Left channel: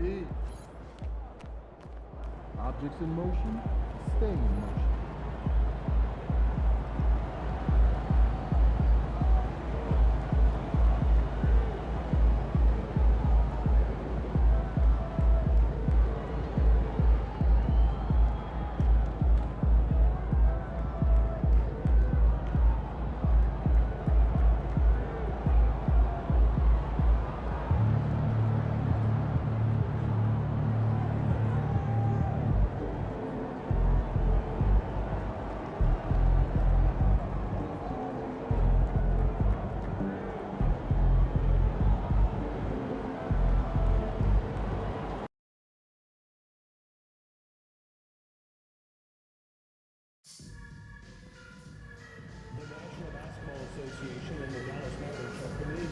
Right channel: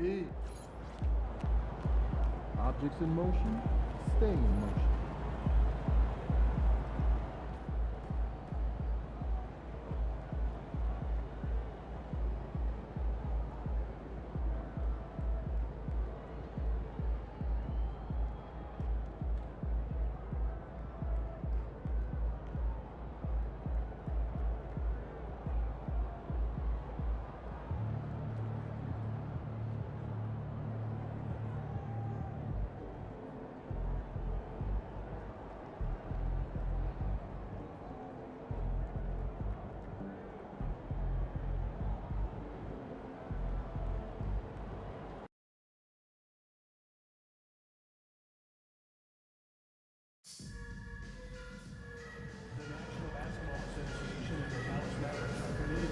Hey. Objects in motion, stay in motion.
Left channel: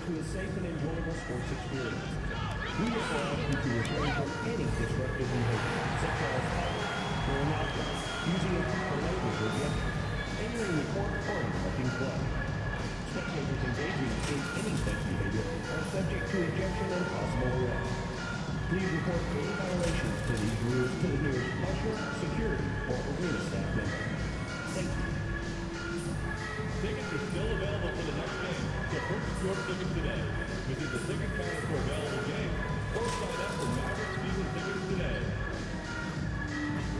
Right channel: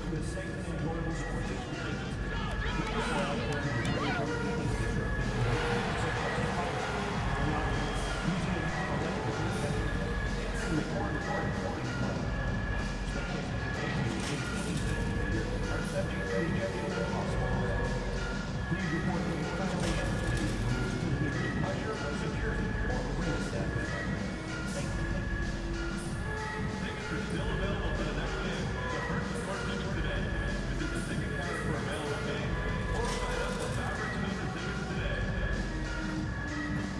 To a safe and enjoyable sports experience. We strive to keep you away from any disruptive behavior, such as talking, pornography, using political pleasure, entering the foreign party clubbing club. Spectators engaging in any such behavior are subject to ejection and possible arrest. Please report any violations to these rules to the nearest usher, security, or arena staff member. Thank you. Tickets are still available for the next game, so purchase your tickets today. Visit the ticket counter for available games, or sign up for Mavericks season tickets today.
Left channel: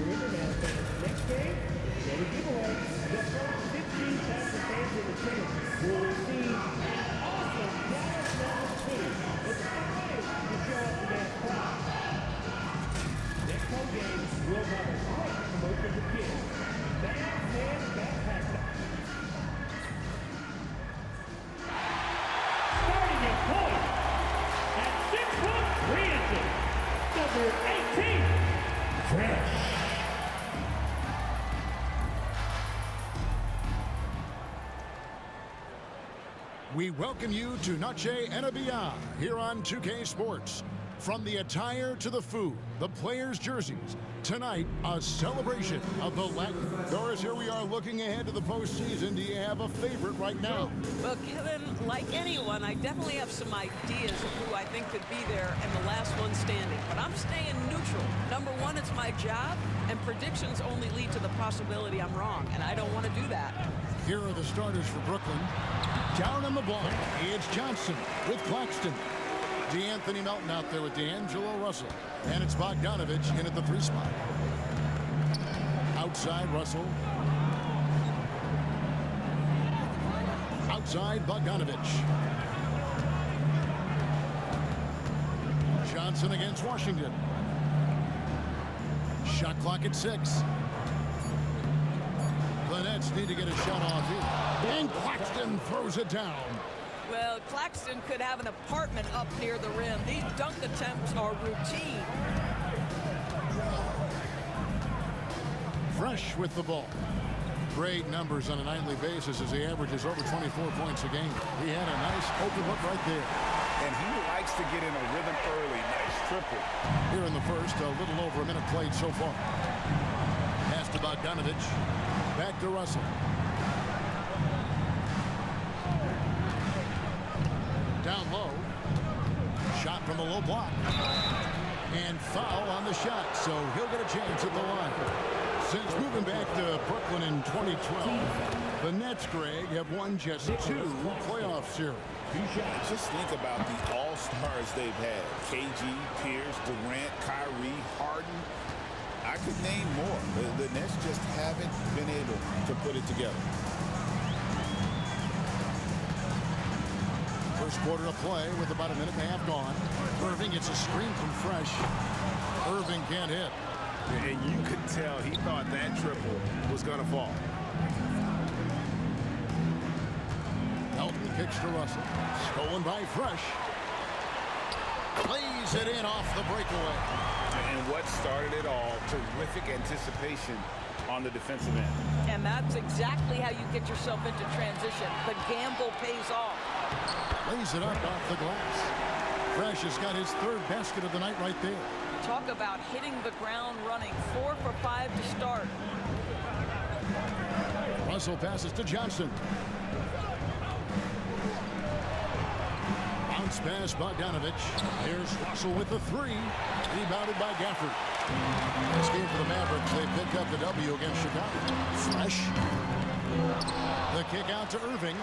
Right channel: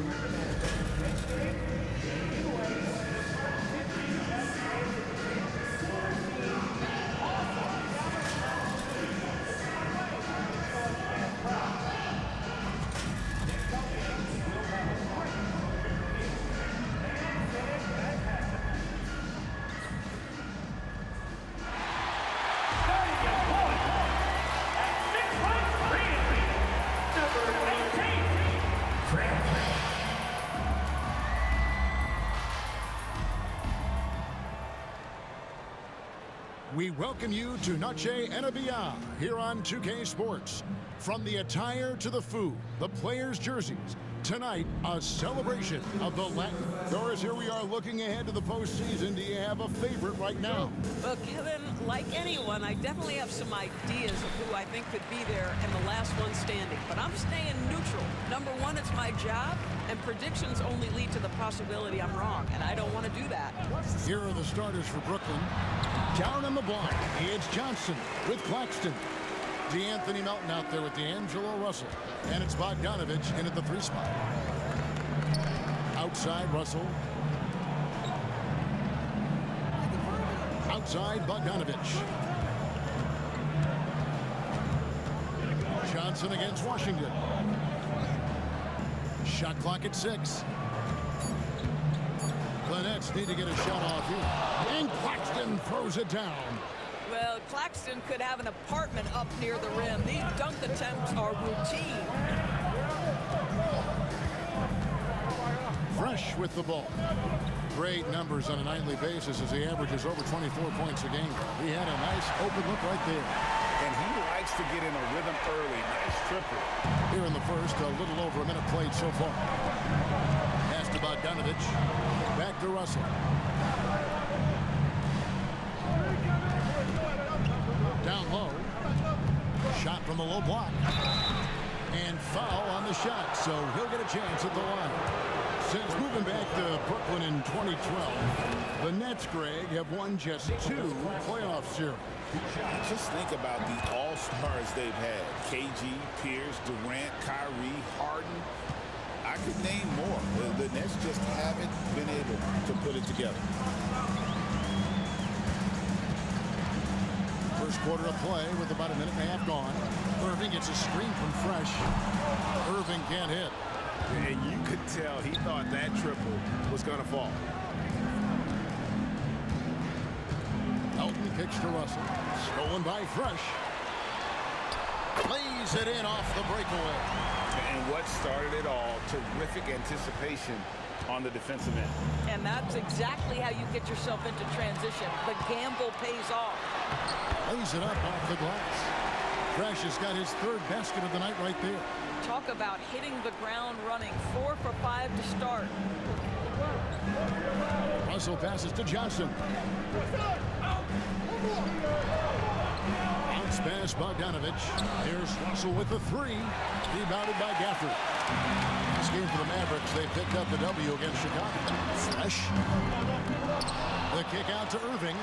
Remember, man, next game, same giveaway. The first 15 fans in attendance will receive awesome Dallas Mavericks footage. It's not right to show up and prize. Next home game will have a great promotion for kids. Man, that's halftime. Starting your point at 6'3" number 18, Fresh. We welcome you to Noche NBA here on 2K Sports. From the attire to the food, the players' jerseys, tonight a celebration of the Latin. Doris, here we are looking ahead to the postseason. Do you have a favorite right now? Well, Kevin, like anyone, I definitely have some ideas of who I think could be there and the last one standing. But I'm staying neutral. Number one, it's my job, and predictions only lead to the possibility I'm wrong, and I don't want to do that. Here are the starters for Brooklyn. Down on the block, it's Johnson with Claxton. DeAnthony Melton out there with D'Angelo Russell. And it's Bogdanovich in at the 3 spot. Outside, Russell. Outside, Bogdanovich. Johnson against Washington. Shot clock at 6. The Nets need to get a shot off here. And Claxton throws it down. Well, Claxton could have an apartment up near the rim. These dunk attempts are routine. Fresh with the ball. Great numbers on a nightly basis as he averages over 24 points a game. He had a nice open look right there. And he likes to get in a rhythm early. Nice triple. Here in the first, a little over a minute played so far. Pass to Bogdanovich. Back to Russell. Down low. Shot from the low block. And foul on the shot, so he'll get a chance at the line. Since moving back to Brooklyn in 2012, the Nets, Greg, have won just 2 playoff series. Just think about the all-stars they've had. KG, Pierce, Durant, Kyrie, Harden. I could name more. The Nets just haven't been able to put it together. First quarter of play with about a minute and a half gone. Irving gets a screen from Fresh. Irving can't hit. And you could tell he thought that triple was going to fall. Melton kicks to Russell. Stolen by Fresh. Lays it in off the breakaway. And what started it all, terrific anticipation on the defensive end. And that's exactly how you get yourself into transition. The gamble pays off. Lays it up off the glass. Fresh has got his 3rd basket of the night right there. Talk about hitting the ground running. 4 for 5 to start. Russell passes to Johnson. Bounce pass, Bogdanovich. Here's Russell with the three. Rebounded by Gafford. This game for the Mavericks, they pick up the W against Chicago. Fresh. The kick out to Irving.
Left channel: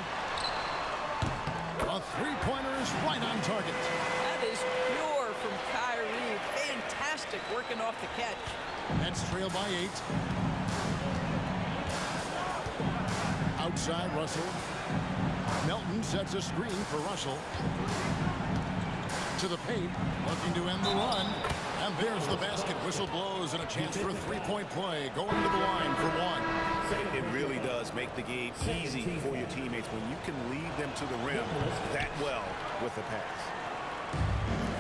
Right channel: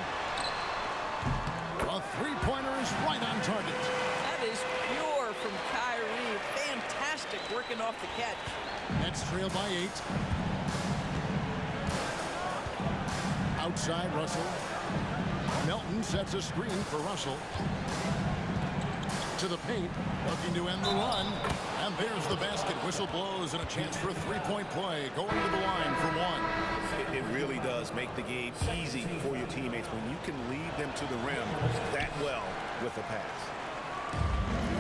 A three-pointer is right on target. That is pure from Kyrie. Fantastic working off the catch. Nets trail by 8. Outside Russell. Melton sets a screen for Russell. To the paint, looking to end the run. And there's the basket. Whistle blows and a chance for a three-point play. Going to the line for one. It really does make the game easy for your teammates when you can lead them to the rim that well with a pass.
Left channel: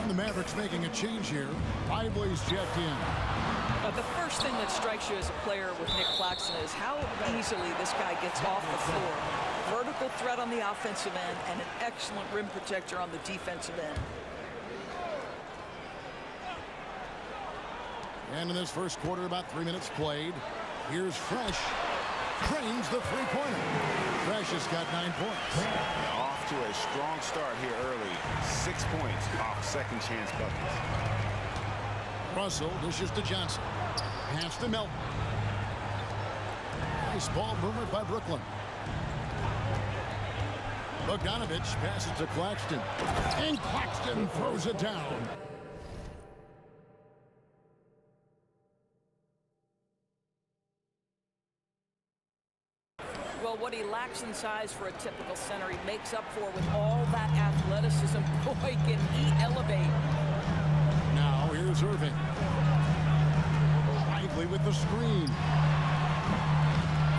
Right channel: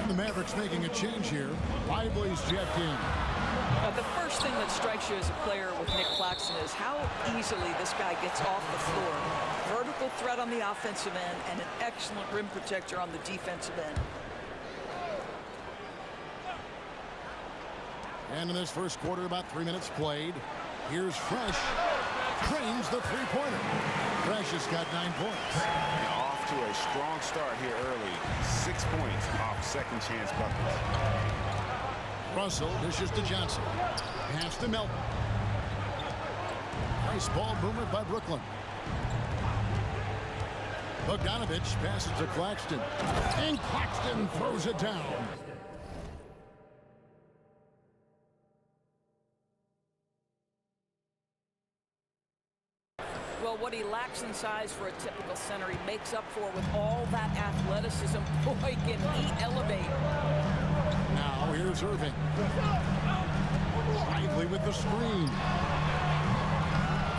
And the Mavericks making a change here. Lively's checked in. The first thing that strikes you as a player with Nick Claxton is how easily this guy gets off the floor. Vertical threat on the offensive end and an excellent rim protector on the defensive end. And in this first quarter, about 3 minutes played. Here's Fresh. Cranes the three-pointer. Fresh has got 9 points. Off to a strong start here early. 6 points off second chance buckets. Russell dishes to Johnson. Pass to Melton. Nice ball movement by Brooklyn. Bogdanovich passes to Claxton. And Claxton throws it down. Well, what he lacks in size for a typical center, he makes up for with all that athleticism. Boy, can he elevate. Now here's Irving. Lively with the screen.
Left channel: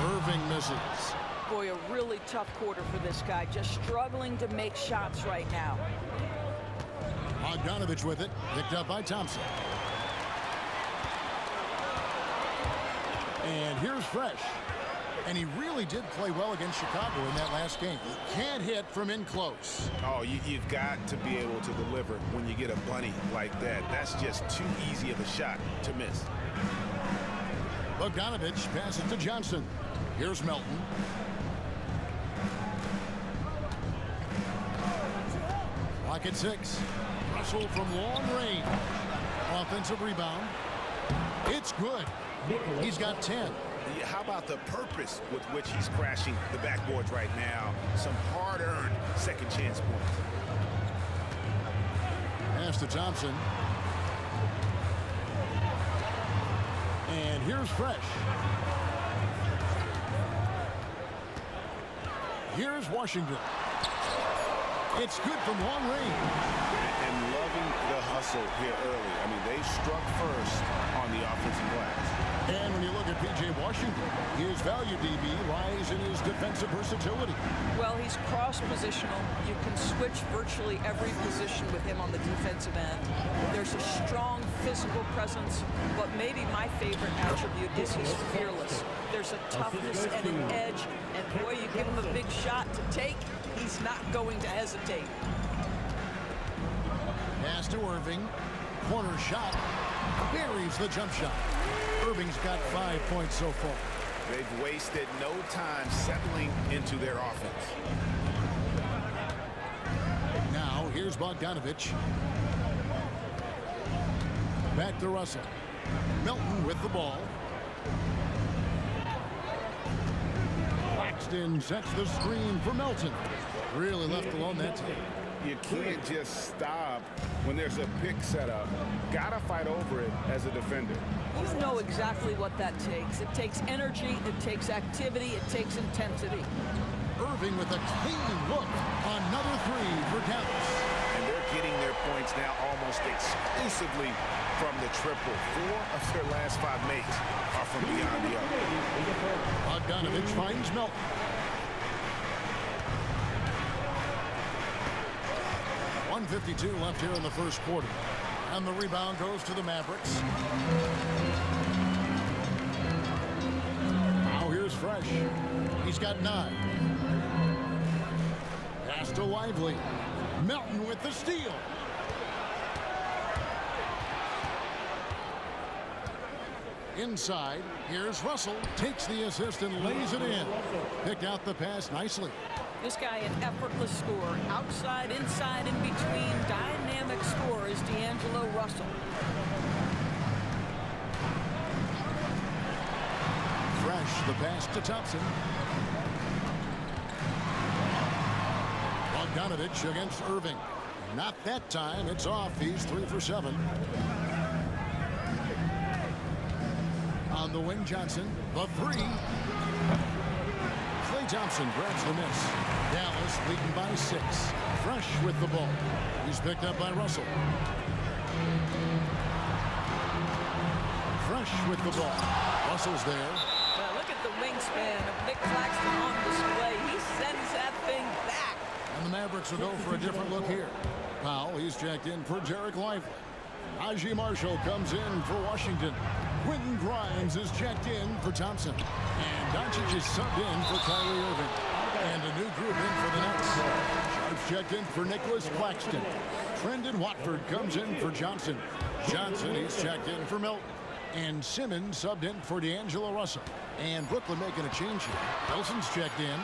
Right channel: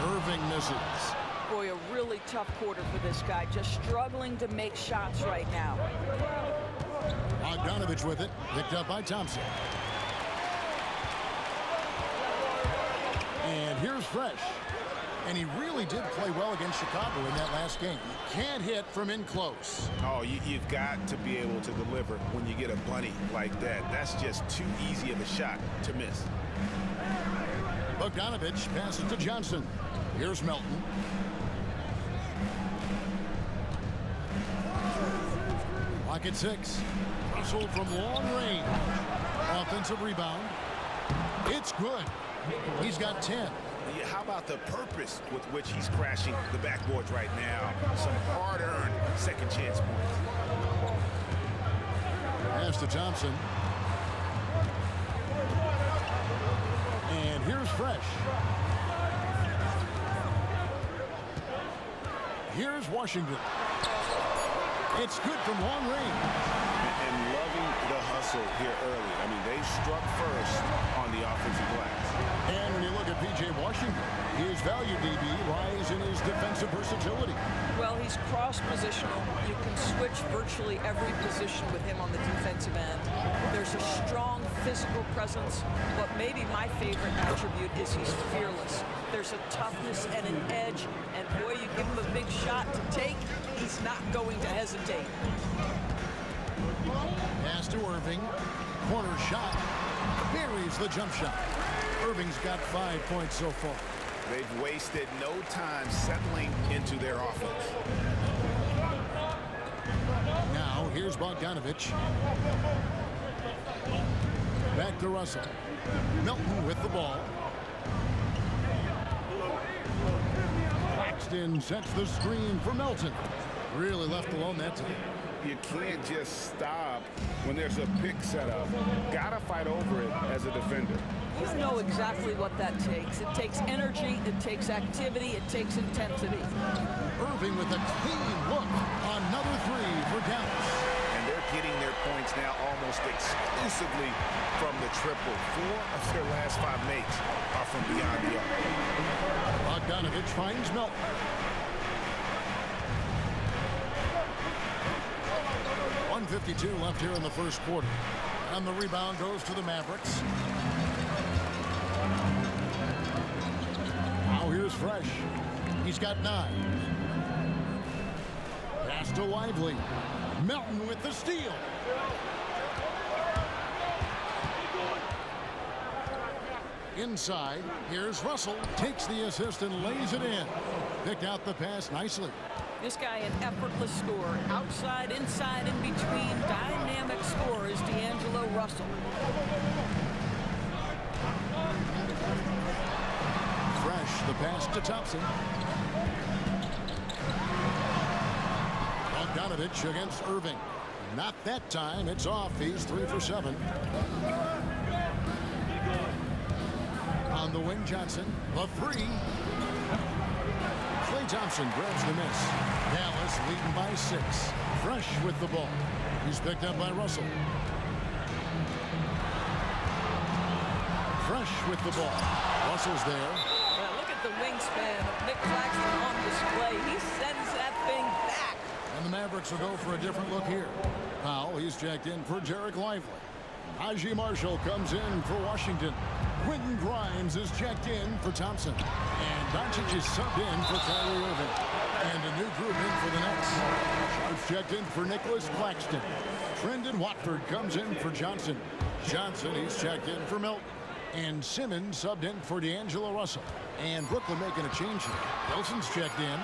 Irving misses. Boy, a really tough quarter for this guy. Just struggling to make shots right now. Bogdanovich with it. Picked up by Thompson. And here's Fresh. And he really did play well against Chicago in that last game. Can't hit from in close. Oh, you've got to be able to deliver when you get a bunny like that. That's just too easy of a shot to miss. Bogdanovich passes to Johnson. Here's Melton. Clock at 6. Russell from long range. Offensive rebound. It's good. He's got 10. How about the purpose with which he's crashing the backboards right now? Some hard-earned second chance points. Pass to Thompson. And here's Fresh. Here's Washington. It's good from long range. And loving the hustle here early. I mean, they struck first on the offensive glass. And when you look at P.J. Washington, his value, DB, lies in his defensive versatility. Well, he's cross-positional. You can switch virtually every position with him on the defensive end. There's a strong physical presence, but maybe my favorite attribute is he's fearless. There's a toughness and an edge, and boy, you give him a big shot to take, he's not going to hesitate. Pass to Irving. Corner shot. Buries the jump shot. Irving's got 5 points so far. They've wasted no time settling into their offense. Now, here's Bogdanovich. Back to Russell. Melton with the ball. Claxton sets the screen for Melton. Really left alone that time. You can't just stop when there's a pick set up. Gotta fight over it as a defender. You know exactly what that takes. It takes energy, it takes activity, it takes intensity. Irving with a clean look. Another three for Dallas. And they're getting their points now almost exclusively from the triple. 4 of their last 5 makes are from beyond the arc. Bogdanovich finds Melton. .152 left here in the first quarter. And the rebound goes to the Mavericks. Now here's Fresh. He's got 9. Pass to Lively. Melton with the steal. Inside, here's Russell. Takes the assist and lays it in. Picked out the pass nicely. This guy an effortless scorer. Outside, inside, in between. Dynamic scorer is D'Angelo Russell. Fresh, the pass to Thompson. Bogdanovich against Irving. Not that time. It's off. He's 3 for 7. On the wing, Johnson. The 3. Klay Thompson grabs the miss. Dallas leading by 6. Fresh with the ball. He's picked up by Russell. Fresh with the ball. Russell's there. Well, look at the wingspan of Nick Claxton on display. He sends that thing back. And the Mavericks will go for a different look here. Powell, he's checked in for Derek Lively. Najee Marshall comes in for Washington. Quentin Grimes is checked in for Thompson. And Doncic is subbed in for Kyrie Irving. And a new group in for the Nets. Sharp's checked in for Nicholas Claxton. Trendon Watford comes in for Johnson. Johnson, he's checked in for Milton. And Simmons subbed in for D'Angelo Russell. And Brooklyn making a change here. Wilson's checked in.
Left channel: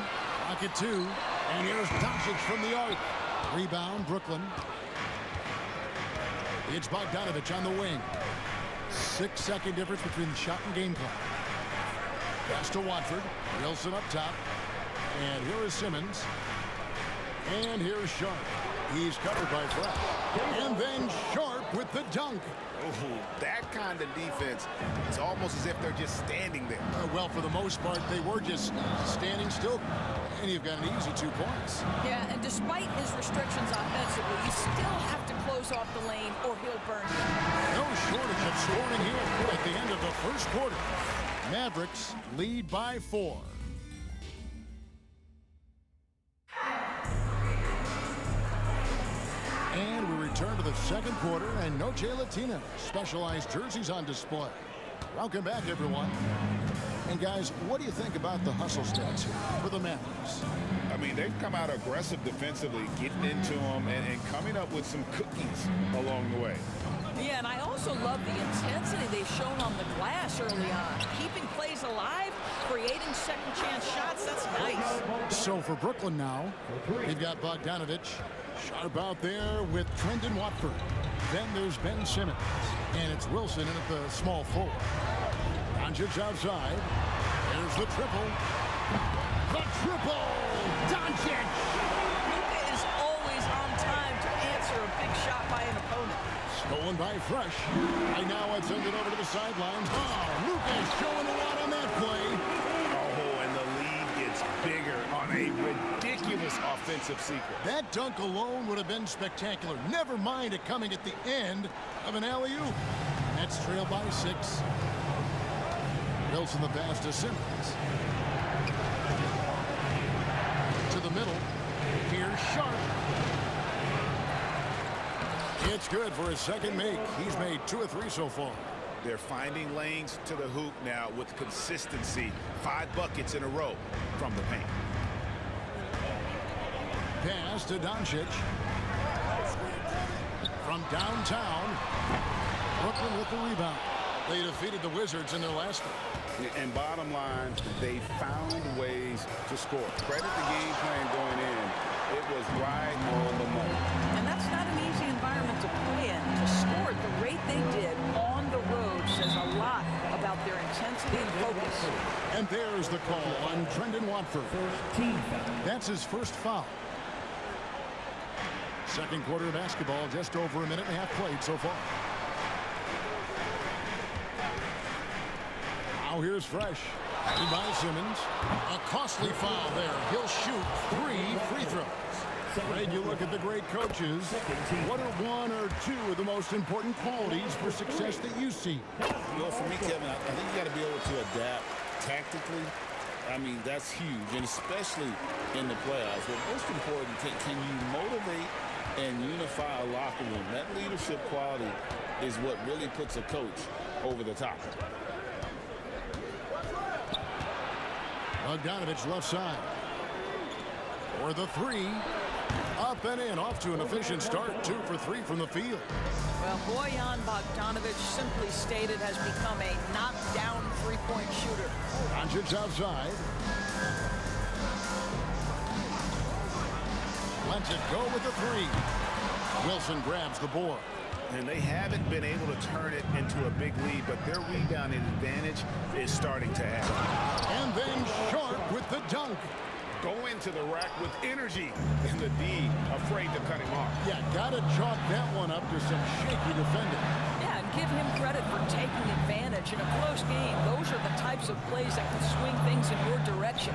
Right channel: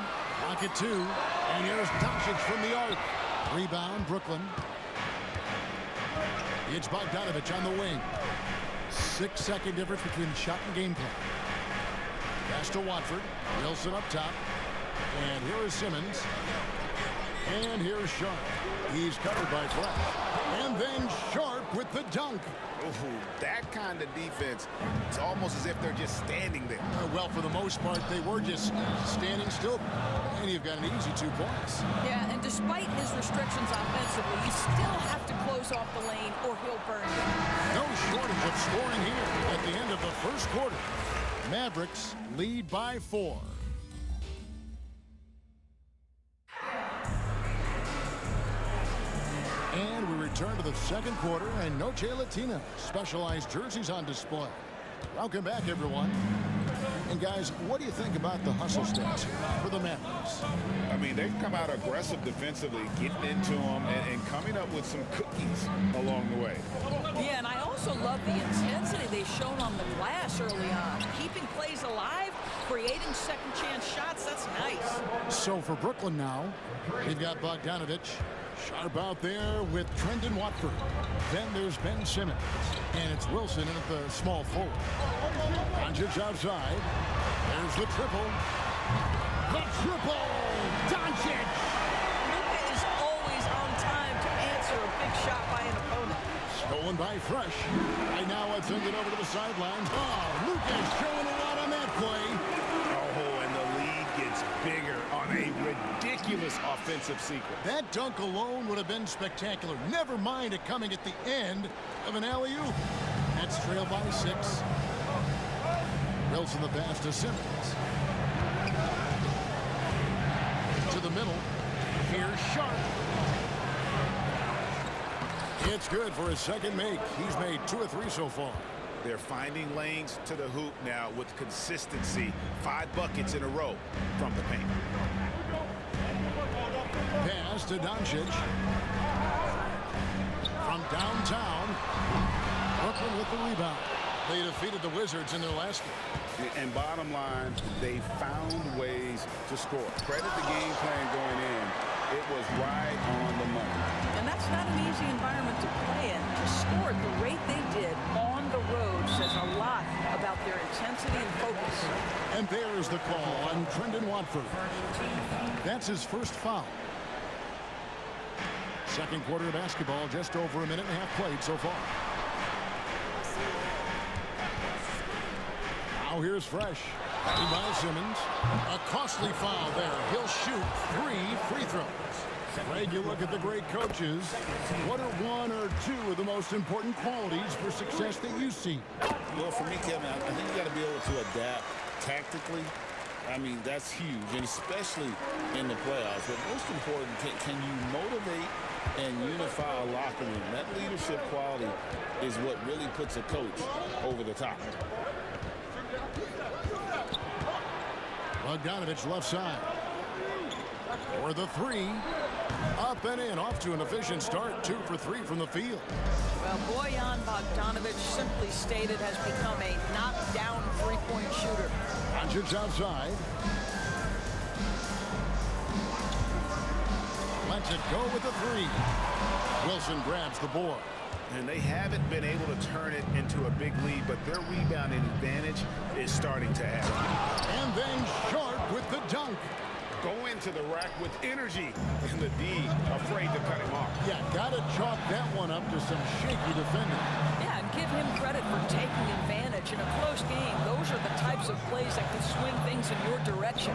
Rocket 2. And here's Doncic from the arc. Rebound, Brooklyn. It's Bogdanovich on the wing. 6-second difference between the shot and game clock. Pass to Watford. Wilson up top. And here is Simmons. And here's Sharp. He's covered by Fresh. And then Sharp with the dunk. Oh, that kind of defense, it's almost as if they're just standing there. Well, for the most part, they were just standing still. And you've got an easy 2 points. Yeah, and despite his restrictions offensively, you still have to close off the lane or he'll burn you. No shortage of scoring here at the end of the first quarter. Mavericks lead by 4. And we return to the second quarter, and Noche Latina specialized jerseys on display. Welcome back, everyone. And guys, what do you think about the hustle stats here for the Mavericks? I mean, they've come out aggressive defensively, getting into them and coming up with some cookies along the way. Yeah, and I also love the intensity they've shown on the glass early on. Keeping plays alive, creating second chance shots, that's nice. So for Brooklyn now, they've got Bogdanovich. Sharp out there with Trendon Watford. Then there's Ben Simmons. And it's Wilson in at the small forward. Doncic outside. There's the triple. The triple! Doncic! Luka is always on time to answer a big shot by an opponent. Stolen by Fresh. Right now it's ended over to the sidelines. Oh, Luka's showing a lot on that play. Oh, and the lead gets bigger on a ridiculous offensive sequence. That dunk alone would have been spectacular. Never mind it coming at the end of an alley-oop. Nets trail by 6. Wilson the pass to Simmons. To the middle. Here's Sharp. It's good for his second make. He's made 2 of 3 so far. They're finding lanes to the hoop now with consistency. 5 buckets in a row from the paint. Pass to Doncic. From downtown. Brooklyn with the rebound. They defeated the Wizards in their last game. And bottom line, they found ways to score. Credit the game plan going in. It was right on the money. And that's not an easy environment to play in. To score at the rate they did on the road says a lot about their intensity and focus. And there's the call on Trendon Watford. That's his first foul. Second quarter of basketball, just over a minute and a half played so far. Now here's Fresh. Headed by Simmons. A costly foul there. He'll shoot 3 free throws. Greg, you look at the great coaches. What are 1 or 2 of the most important qualities for success that you see? Well, for me, Kevin, I think you got to be able to adapt tactically. I mean, that's huge, and especially in the playoffs. But most important, can you motivate and unify a locker room? That leadership quality is what really puts a coach over the top. Bogdanovich left side. For the 3. Up and in, off to an efficient start. 2 for 3 from the field. Well, Bojan Bogdanovich, simply stated, has become a knockdown three-point shooter. Doncic outside. lets it go with the three. Wilson grabs the board. And they haven't been able to turn it into a big lead, but their rebounding advantage is starting to add up. And then Sharp with the dunk. Go into the rack with energy, and the D afraid to cut him off. Yeah, gotta chalk that one up to some shaky defending. Yeah, and give him credit for taking advantage in a close game. Those are the types of plays that can swing things in your direction.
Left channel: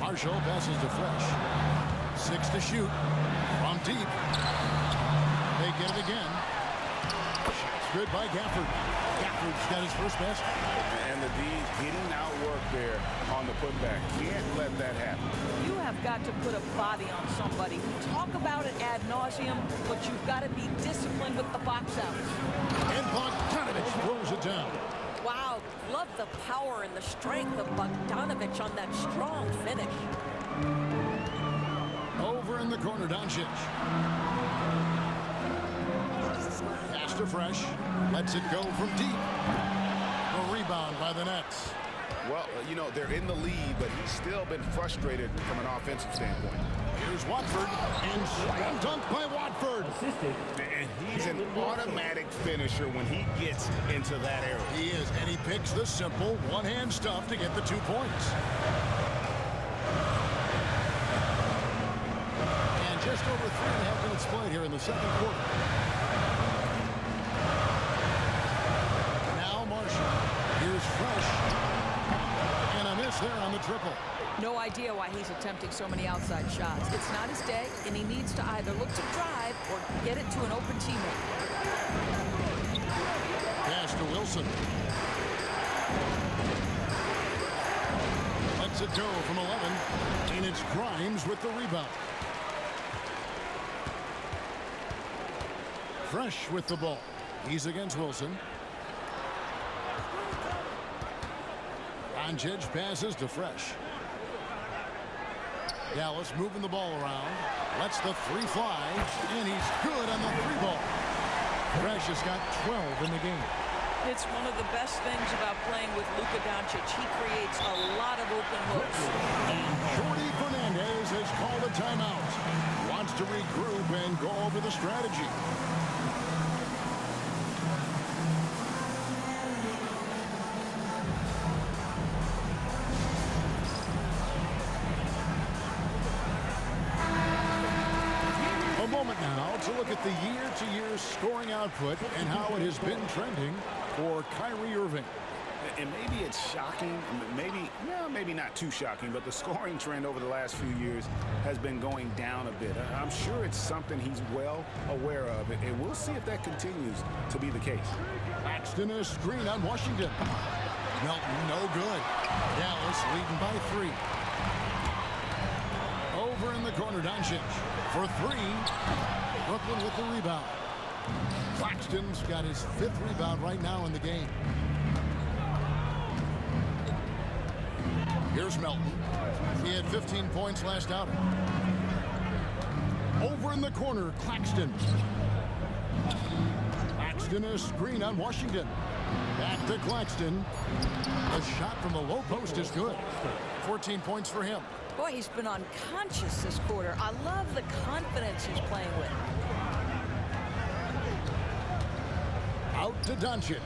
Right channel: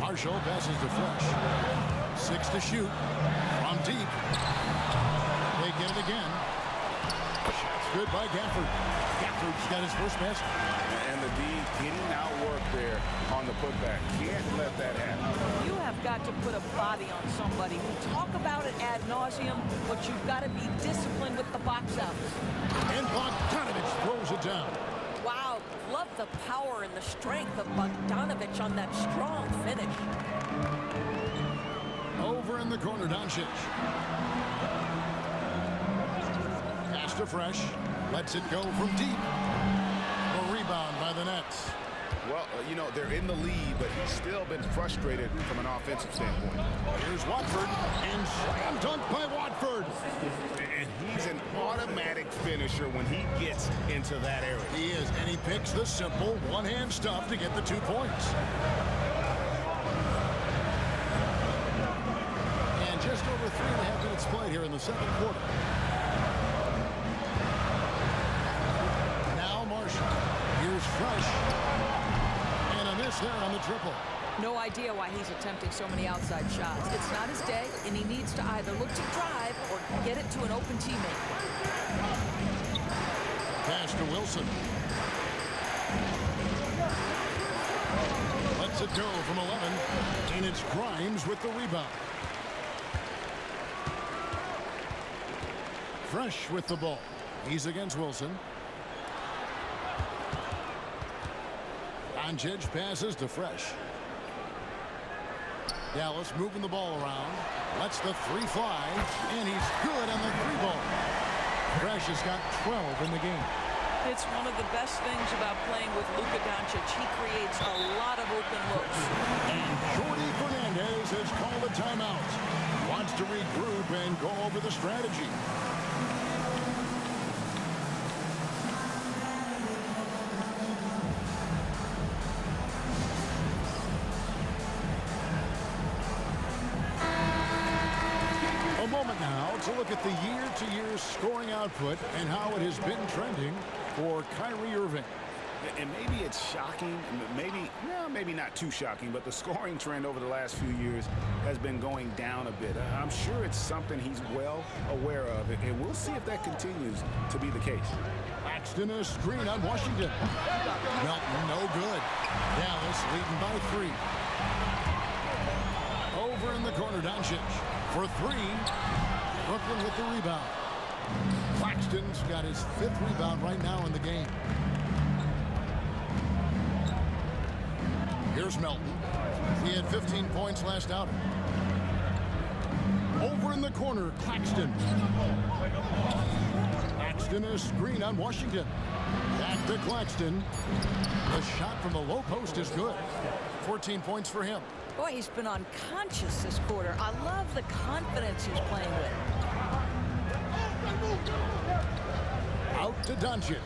Marshall passes to Fresh. 6 to shoot from deep. They get it again. Shot's good by Gafford. Gafford's got his first miss. And the D getting outworked there on the putback. Can't let that happen. You have got to put a body on somebody. We talk about it ad nauseum, but you've got to be disciplined with the box outs. And Bogdanovich throws it down. Wow, love the power and the strength of Bogdanovich on that strong finish. Over in the corner, Doncic. Pass to Fresh. Lets it go from deep. A rebound by the Nets. Well, you know, they're in the lead, but he's still been frustrated from an offensive standpoint. Here's Watford, and slam dunk by Watford. And he's an automatic finisher when he gets into that area. He is, and he picks the simple one-hand stuff to get the 2 points. And just over 3.5 minutes played here in the second quarter. Now Marshall. Here's Fresh. And a miss there on the triple. No idea why he's attempting so many outside shots. It's not his day, and he needs to either look to drive or get it to an open teammate. Pass to Wilson. Lets it go from 11, and it's Grimes with the rebound. Fresh with the ball. He's against Wilson. Doncic passes to Fresh. Dallas moving the ball around. Lets the three fly, and he's good on the three ball. Fresh has got 12 in the game. It's one of the best things about playing with Luka Doncic. He creates a lot of open looks. And Jordi Fernandez has called a timeout. Wants to regroup and go over the strategy. A moment now to look at the year-to-year scoring output and how it has been trending for Kyrie Irving. And maybe it's shocking, maybe not too shocking, but the scoring trend over the last few years has been going down a bit. I'm sure it's something he's well aware of, and we'll see if that continues to be the case. Claxton a screen on Washington. Melton no good. Dallas leading by 3. Over in the corner, Doncic for 3. Brooklyn with the rebound. Claxton's got his 5th rebound right now in the game. Here's Melton. He had 15 points last outing. Over in the corner, Claxton. Claxton a screen on Washington. Back to Claxton. The shot from the low post is good. 14 points for him. Boy, he's been unconscious this quarter. I love the confidence he's playing with. Out to Doncic.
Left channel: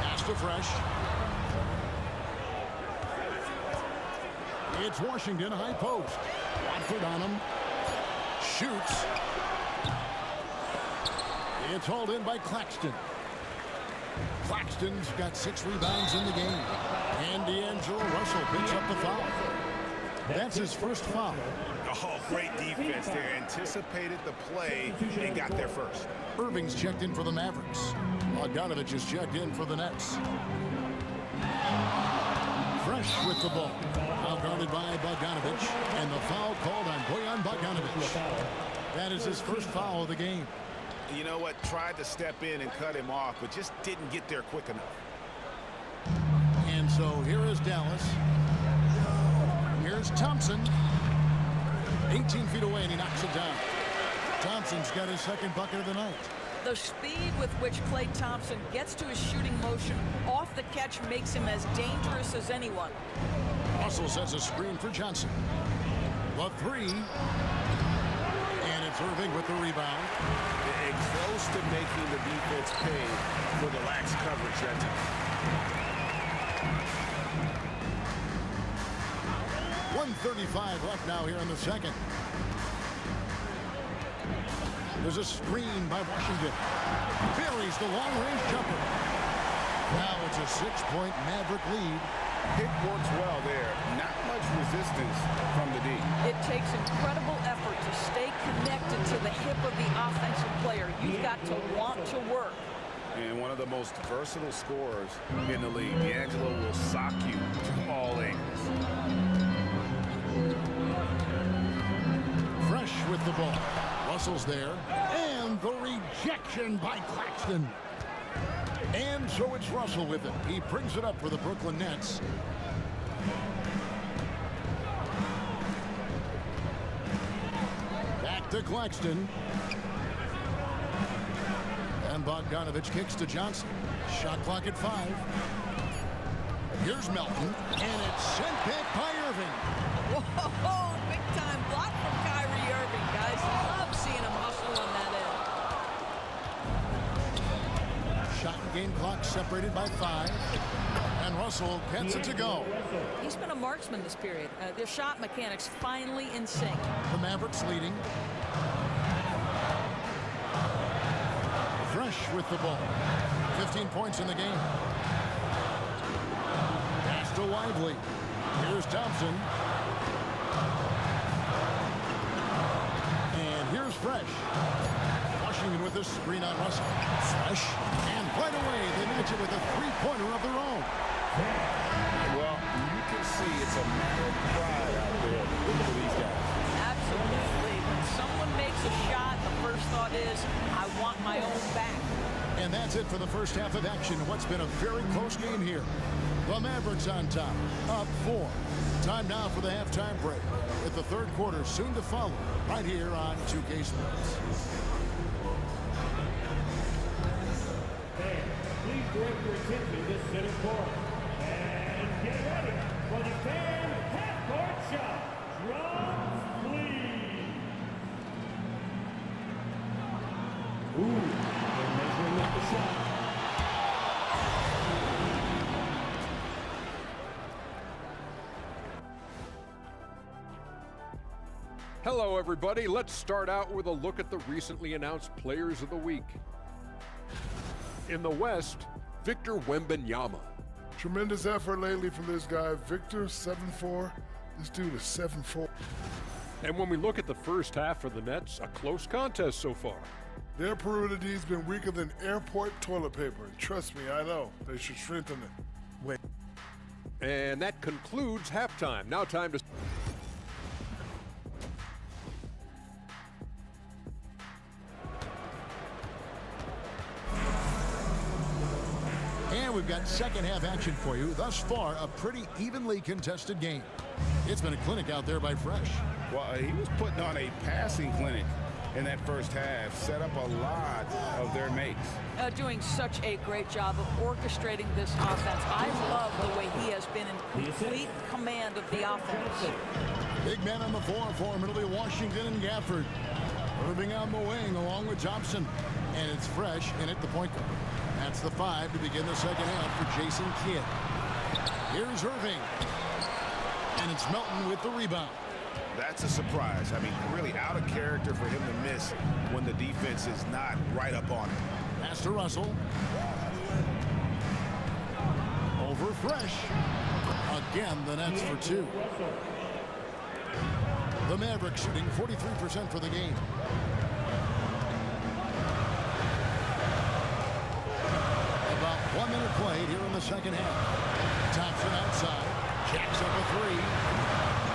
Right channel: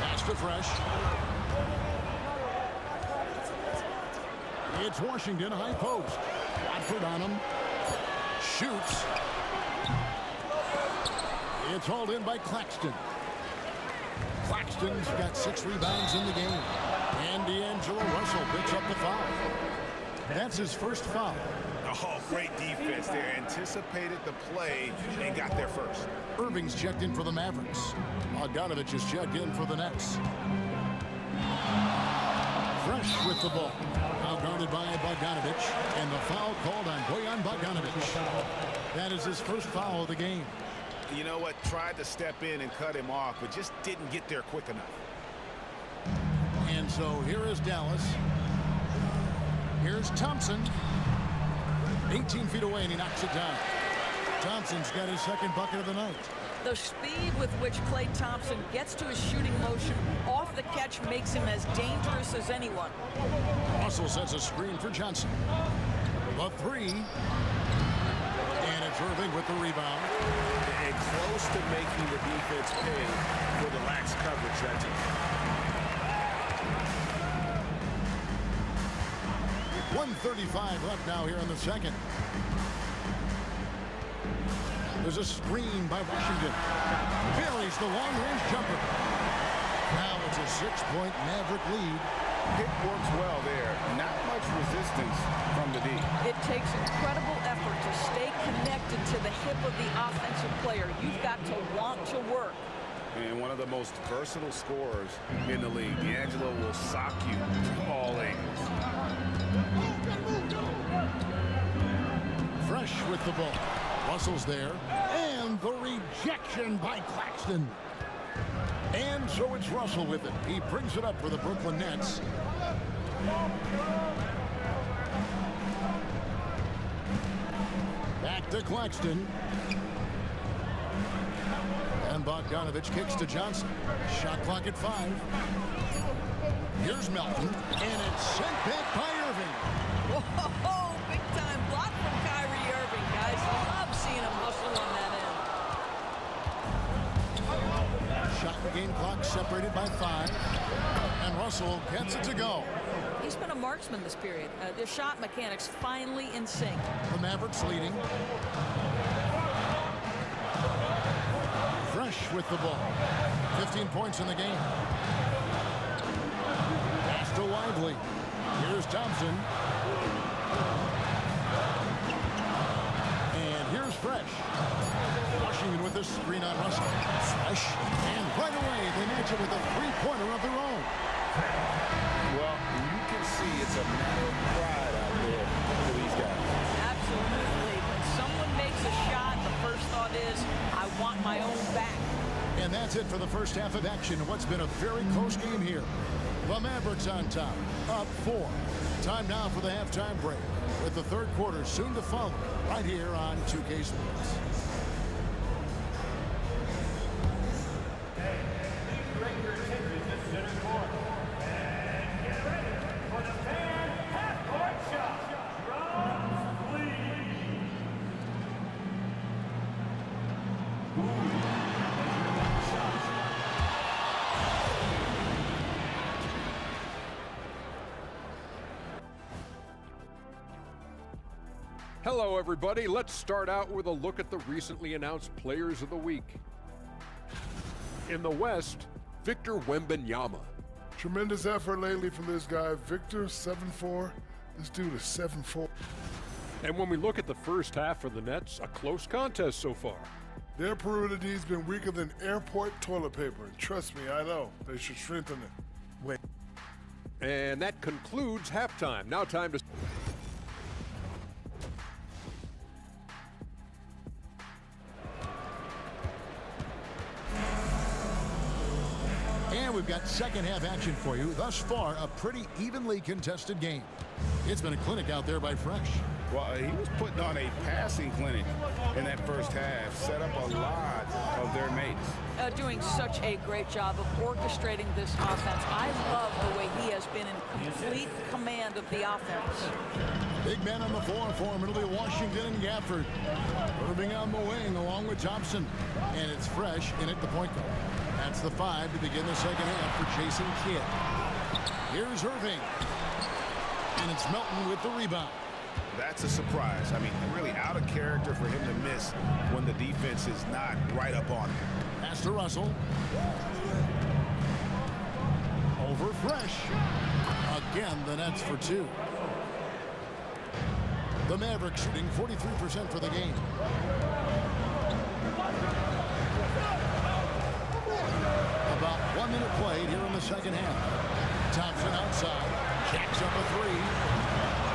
Pass to Fresh. It's Washington high post. Watford on him. Shoots. It's hauled in by Claxton. Claxton's got 6 rebounds in the game. And D'Angelo Russell picks up the foul. That's his first foul. Oh, great defense there. Anticipated the play and got there first. Irving's checked in for the Mavericks. Bogdanovich is checked in for the Nets. Fresh with the ball. Now guarded by Bogdanovich. And the foul called on Bojan Bogdanovich. That is his first foul of the game. You know what? Tried to step in and cut him off, but just didn't get there quick enough. And so here is Dallas. Here's Thompson. 18 feet away, and he knocks it down. Thompson's got his 2nd bucket of the night. The speed with which Klay Thompson gets to his shooting motion off the catch makes him as dangerous as anyone. Russell sets a screen for Johnson. The three. And it's Irving with the rebound. And close to making the defense pay for the lax coverage that time. 1:35 left now here in the second. There's a screen by Washington. Buries the long-range jumper. Now it's a 6-point Maverick lead. Pick works well there. Not much resistance from the D. It takes incredible effort to stay connected to the hip of the offensive player. You've got to want to work. And one of the most versatile scorers in the league. D'Angelo will sock you from all angles. Fresh with the ball. Russell's there. And the rejection by Claxton. And so it's Russell with it. He brings it up for the Brooklyn Nets. Back to Claxton. And Bogdanovich kicks to Johnson. Shot clock at 5. Here's Melton. And it's sent back by Irving. Whoa, big time block from Kyrie Irving, guys. Love seeing him hustle on that end. Shot and game clock separated by 5. And Russell gets it to go. He's been a marksman this period. Their shot mechanics finally in sync. The Mavericks leading. Fresh with the ball. 15 points in the game. Pass to Lively. Here's Thompson. And here's Fresh. Washington with a screen on Russell. Fresh. And right away, they match it with a three-pointer of their own. Well, you can see it's a matter of pride out there for these guys. Absolutely. When someone makes a shot, the first thought is, I want my own back. And that's it for the first half of action in what's been a very close game here. The Mavericks on top, up 4. Time now for the halftime break, with the third quarter soon to follow, right here on 2K Sports. Hey, please direct your attention to center court. And get ready for the fan half-court shot. Drums, please. Ooh, measuring up the shot. Hello, everybody. Let's start out with a look at the recently announced Players of the Week. In the West, Victor Wembanyama. Tremendous effort lately from this guy, Victor, 7'4". This dude is 7'4". And when we look at the first half for the Nets, a close contest so far. Their perimeter D's been weaker than airport toilet paper. And trust me, I know. They should strengthen it. Wait. And that concludes halftime. Now time to... And we've got second half action for you. Thus far, a pretty evenly contested game. It's been a clinic out there by Fresh. Well, he was putting on a passing clinic in that first half, set up a lot of their mates. Doing such a great job of orchestrating this offense. I love the way he has been in complete command of the offense. Big man on the floor for him. It'll be Washington and Gafford. Irving on the wing along with Thompson. And it's Fresh in at the point guard. That's the 5 to begin the second half for Jason Kidd. Here's Irving. And it's Melton with the rebound. That's a surprise. I mean, really out of character for him to miss when the defense is not right up on him. Pass to Russell. Over Fresh. Again, the Nets for 2. The Mavericks shooting 43% for the game. About 1 minute played here in the second half. Thompson outside. Jacks up a 3.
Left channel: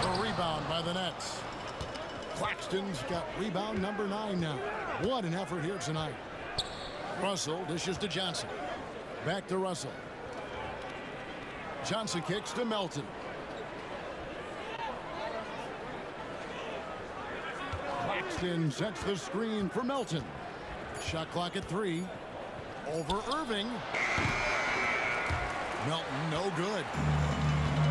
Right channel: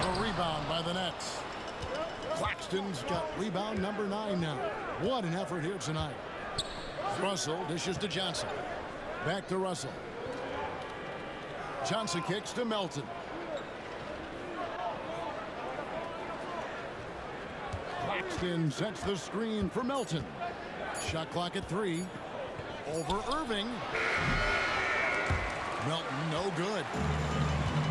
A rebound by the Nets. Claxton's got rebound number 9 now. What an effort here tonight. Russell dishes to Johnson. Back to Russell. Johnson kicks to Melton. Claxton sets the screen for Melton. Shot clock at 3. Over Irving. Melton, no good.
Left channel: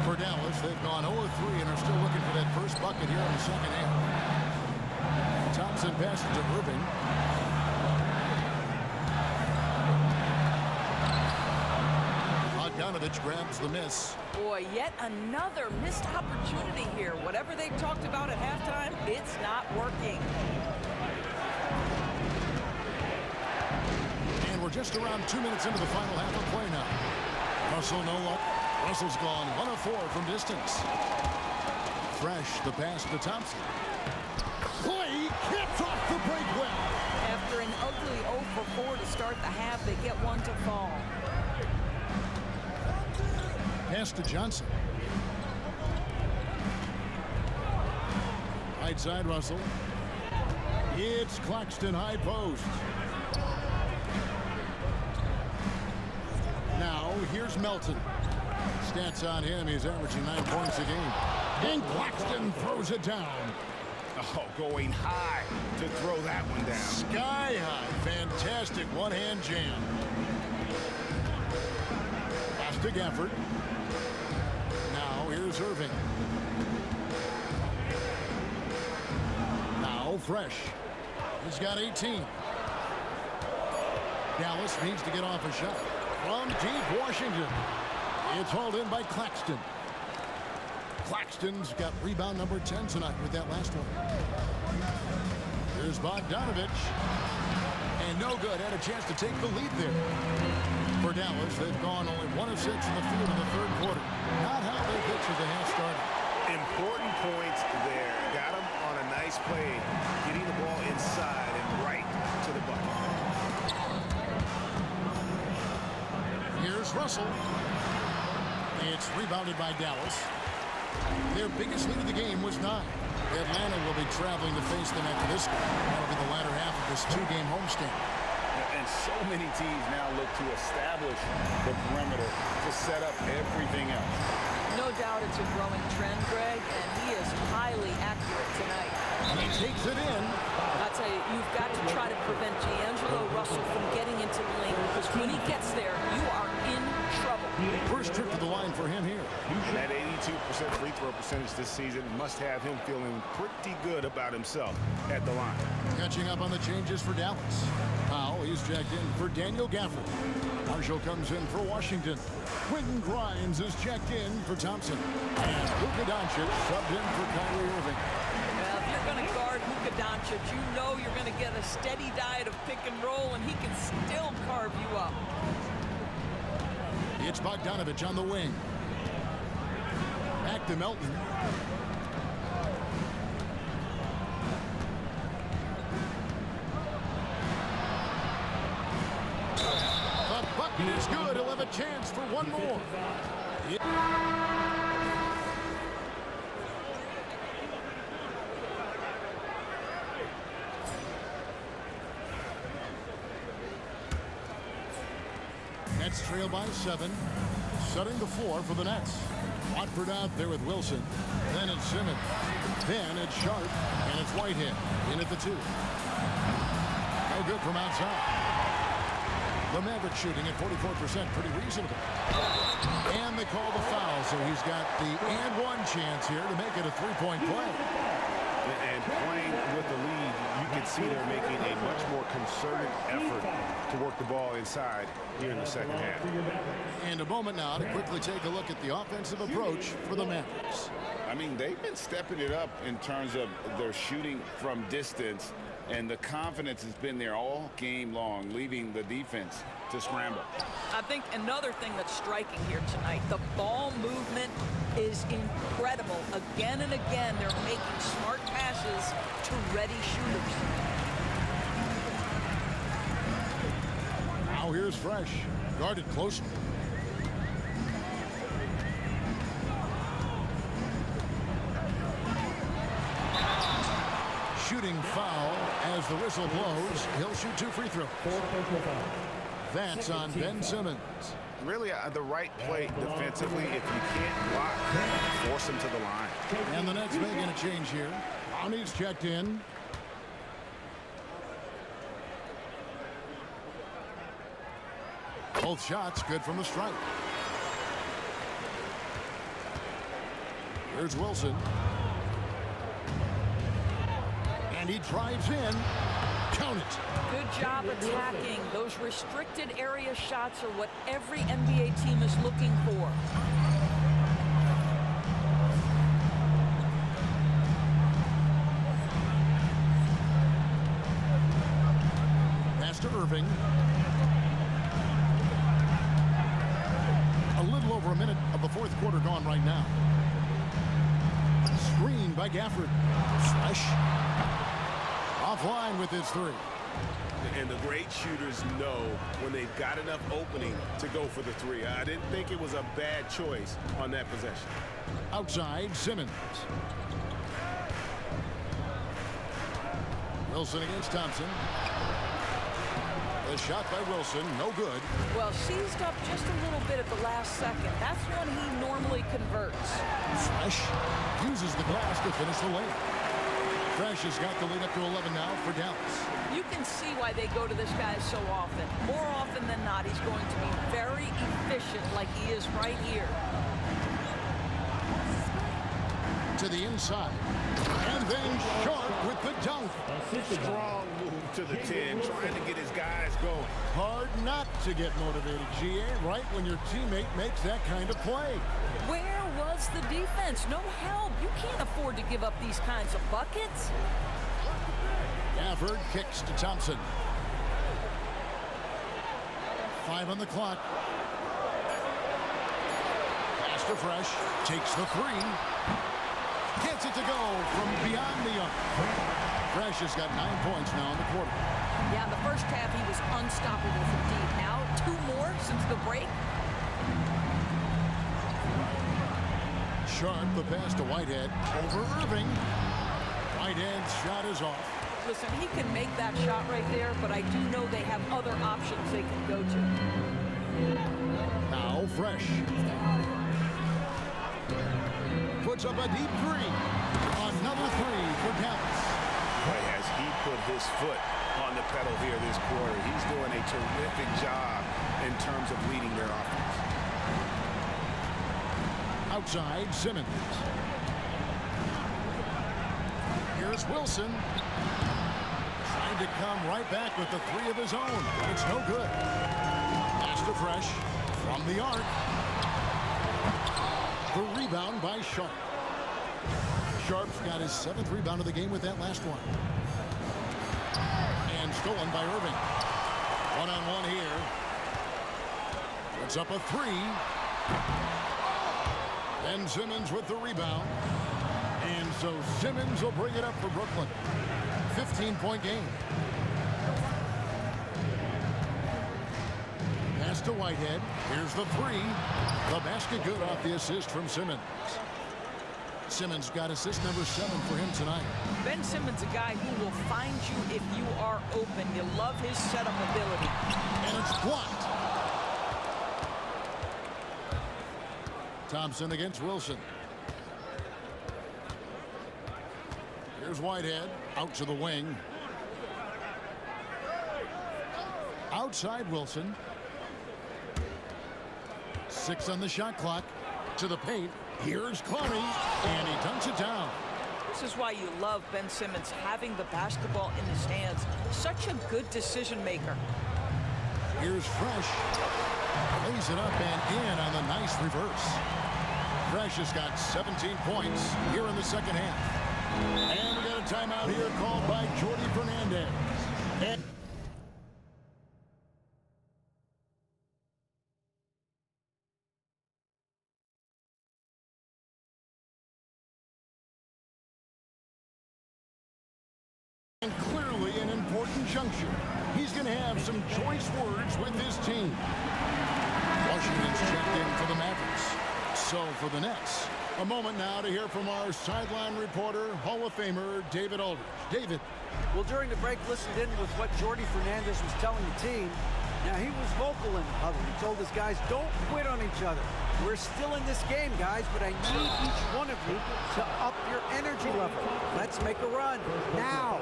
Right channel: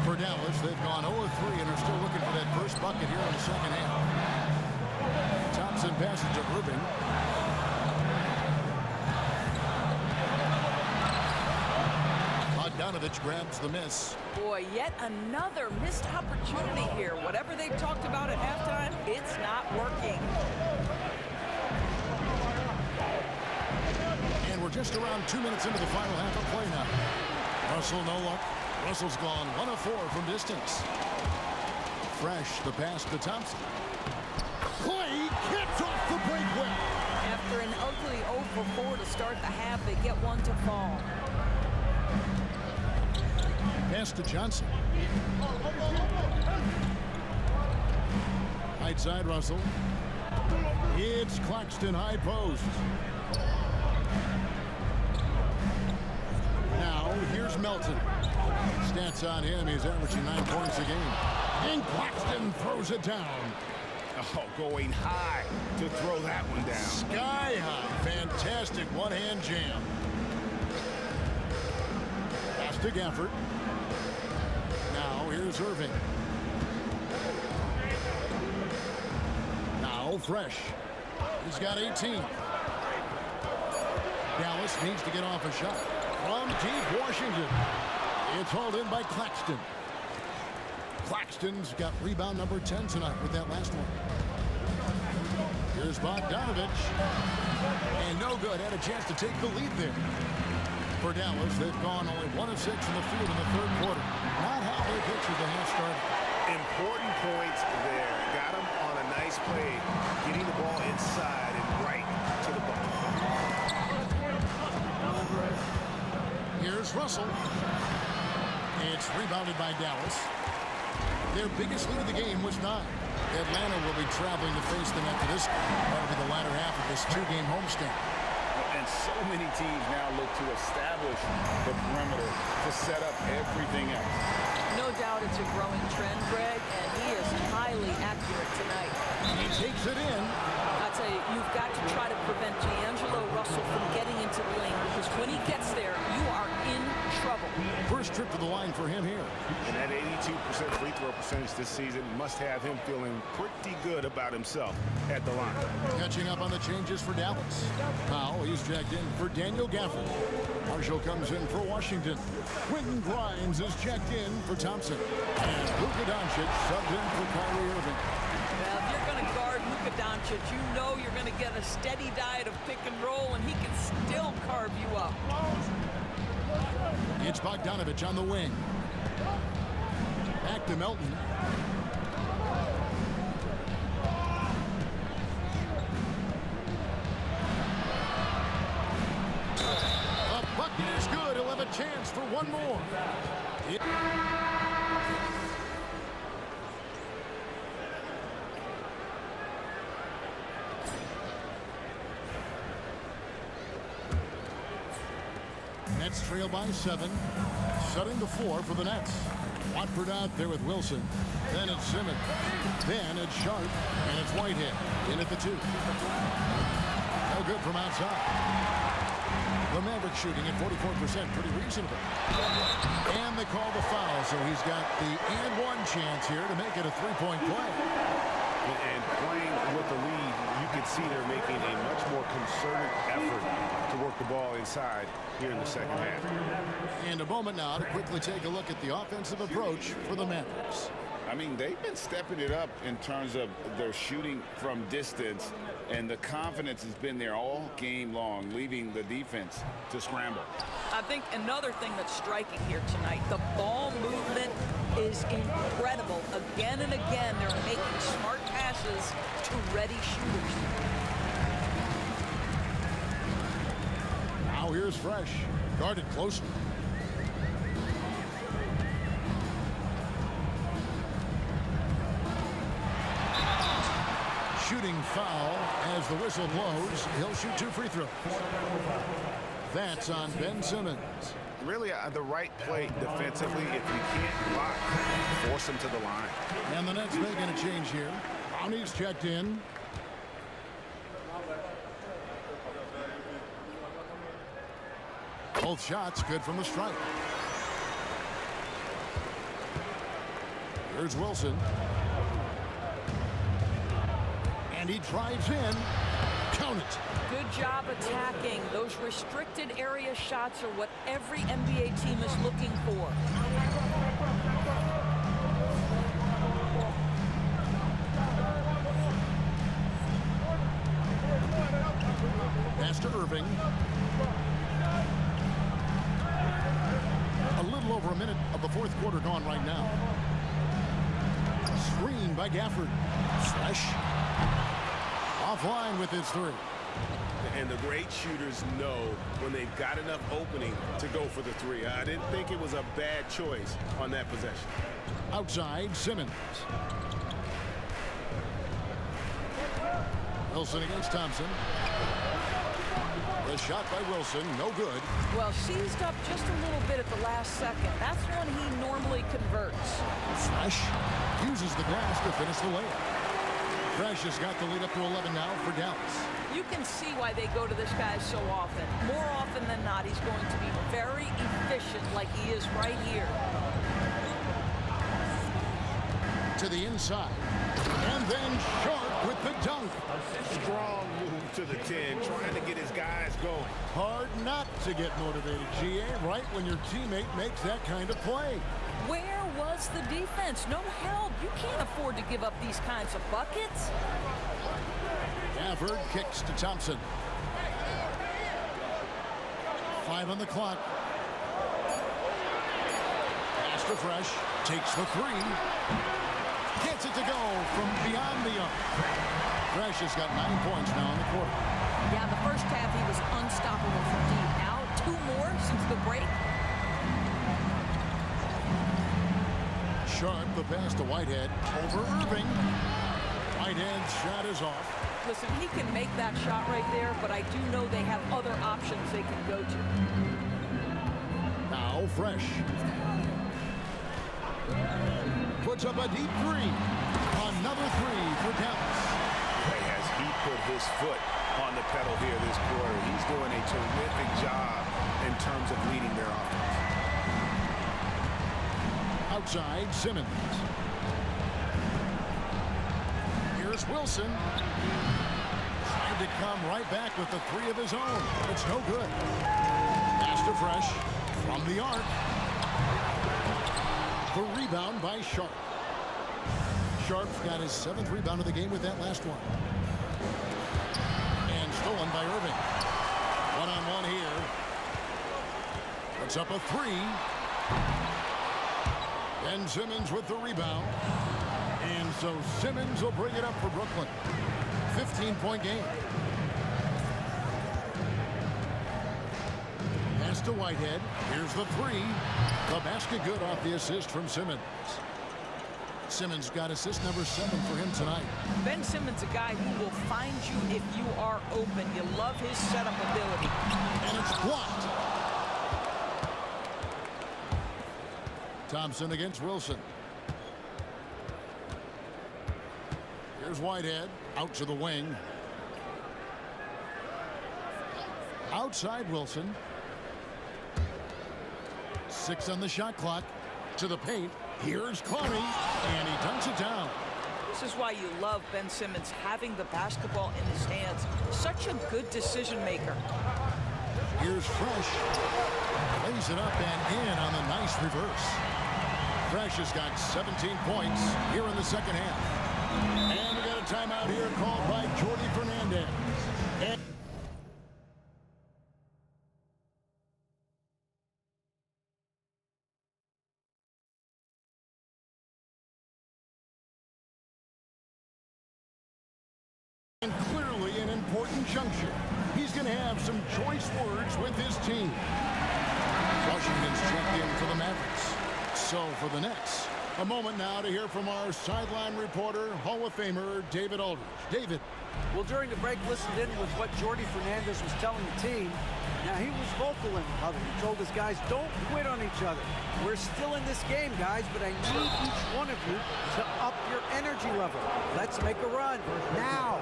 For Dallas, they've gone 0 of 3 and are still looking for that first bucket here in the second half. Thompson passes to Irving. Bogdanovich grabs the miss. Boy, yet another missed opportunity here. Whatever they talked about at halftime, it's not working. And we're just around 2 minutes into the final half of play now. Russell, no luck. Russell's gone 1 of 4 from distance. Fresh, the pass to Thompson. Clay caps off the break well. After an ugly 0 for 4 to start the half, they get one to fall. Pass to Johnson. Right side, Russell. It's Claxton, high post. Now, here's Melton. Stats on him, he's averaging 9 points a game. And Claxton throws it down. Oh, going high to throw that one down. Sky high. Fantastic one-hand jam. Pass to Gafford. Now, here's Irving. Now, Fresh. He's got 18. Dallas needs to get off a shot. From deep Washington. It's hauled in by Claxton. Claxton's got rebound number 10 tonight with that last one. Here's Bogdanovich. And no good. Had a chance to take the lead there. For Dallas, they've gone only 1 of 6 in the field in the third quarter. Not how they pictured the half started. Important points there. Got him on a nice play, getting the ball inside and right to the bucket. Here's Russell. It's rebounded by Dallas. Their biggest lead of the game was 9. Atlanta will be traveling to face them after this. That'll be the latter half of this 2-game homestand. And so many teams now look to establish the perimeter to set up everything else. No doubt it's a growing trend, Greg, and he is highly accurate tonight. He takes it in. I tell you, you've got to try to prevent D'Angelo Russell from getting into the lane, because when he gets there, you are in trouble. First trip to the line for him here. And that 82% free throw percentage this season must have him feeling pretty good about himself at the line. Catching up on the changes for Dallas. Powell, he's checked in for Daniel Gafford. Marshall comes in for Washington. Quentin Grimes is checked in for Thompson. And Luka Doncic subbed in for Kyrie Irving. Well, if you're going to guard Luka Doncic, you know you're going to get a steady diet of pick and roll, and he can still carve you up. It's Bogdanovich on the wing. Back to Melton. The bucket is good. He'll have a chance for one more. Nets trail by 7. Setting the 4 for the Nets. Watford out there with Wilson. Then it's Simmons. Then it's Sharp. And it's Whitehead in at the 2. No good from outside. The Mavericks shooting at 44%. Pretty reasonable. And they call the foul, so he's got the and one chance here to make it a 3-point play. And playing with the lead, you can see they're making a much more concerted effort to work the ball inside here in the second half. And a moment now to quickly take a look at the offensive approach for the Mavericks. I mean, they've been stepping it up in terms of their shooting from distance, and the confidence has been there all game long, leaving the defense to scramble. I think another thing that's striking here tonight, the ball movement is incredible. Again and again, they're making smart passes to ready shooters. Now here's Fresh, guarded closely. Shooting foul as the whistle blows. He'll shoot 2 free throws. That's on Ben Simmons. Really the right play defensively. If you can't block, force him to the line. And the Nets making a change here. Brownie's checked in. Both shots good from the stripe. Here's Wilson. And he drives in. Count it. Good job attacking. Those restricted area shots are what every NBA team is looking for. Pass to Irving. A little over a minute of the fourth quarter gone right now. Screen by Gafford. Fresh. Offline with his three. And the great shooters know when they've got enough opening to go for the three. I didn't think it was a bad choice on that possession. Outside, Simmons. Wilson against Thompson. The shot by Wilson, no good. Well, seized up just a little bit at the last second. That's when he normally converts. Fresh uses the glass to finish the layup. Fresh has got the lead up to 11 now for Dallas. You can see why they go to this guy so often. More often than not, he's going to be very efficient like he is right here. To the inside. And then Sharp with the dunk. Strong move to the 10, trying to get his guys going. Hard not to get motivated, GA, right when your teammate makes that kind of play. Where was the defense? No help. You can't afford to give up these kinds of buckets. Gafford kicks to Thompson. 5 on the clock. Pass to Fresh. Takes the three. Gets it to go from beyond the arc. Fresh has got 9 points now in the quarter. Yeah, in the first half, he was unstoppable from deep. Now, 2 more since the break. Sharp, the pass to Whitehead. Over Irving. Whitehead's shot is off. Listen, he can make that shot right there, but I do know they have other options they can go to. Now Fresh. Puts up a deep three. Another three for Dallas. Boy, has he put his foot on the pedal here this quarter. He's doing a terrific job in terms of leading their offense. Outside, Simmons. Here's Wilson. Trying to come right back with the three of his own, but it's no good. Pass to Fresh from the arc. The rebound by Sharp. Sharp's got his 7th rebound of the game with that last one. And stolen by Irving. One-on-one here. Puts up a three. Ben Simmons with the rebound. And so Simmons will bring it up for Brooklyn. 15-point game. Pass to Whitehead. Here's the three. The basket good off the assist from Simmons. Simmons got assist number 7 for him tonight. Ben Simmons, a guy who will find you if you are open. You love his setup ability. And it's blocked. Thompson against Wilson. Here's Whitehead out to the wing. Outside Wilson. 6 on the shot clock. To the paint. Here's Clary, and he dunks it down. This is why you love Ben Simmons having the basketball in his hands. Such a good decision maker. Here's Fresh. Plays it up and in on the nice reverse. Fresh has got 17 points here in the second half. And we got a timeout here called by Jordi Fernandez. And clearly an important juncture. He's going to have some choice words with his team. Washington's checked in for the Mavericks. So for the Nets, a moment now to hear from our sideline reporter, Hall of Famer David Aldridge. David. Well, during the break, listened in with what Jordi Fernandez was telling the team. Now, he was vocal in the huddle. He told his guys, don't quit on each other. We're still in this game, guys, but I need each one of you to up your energy level. Let's make a run now.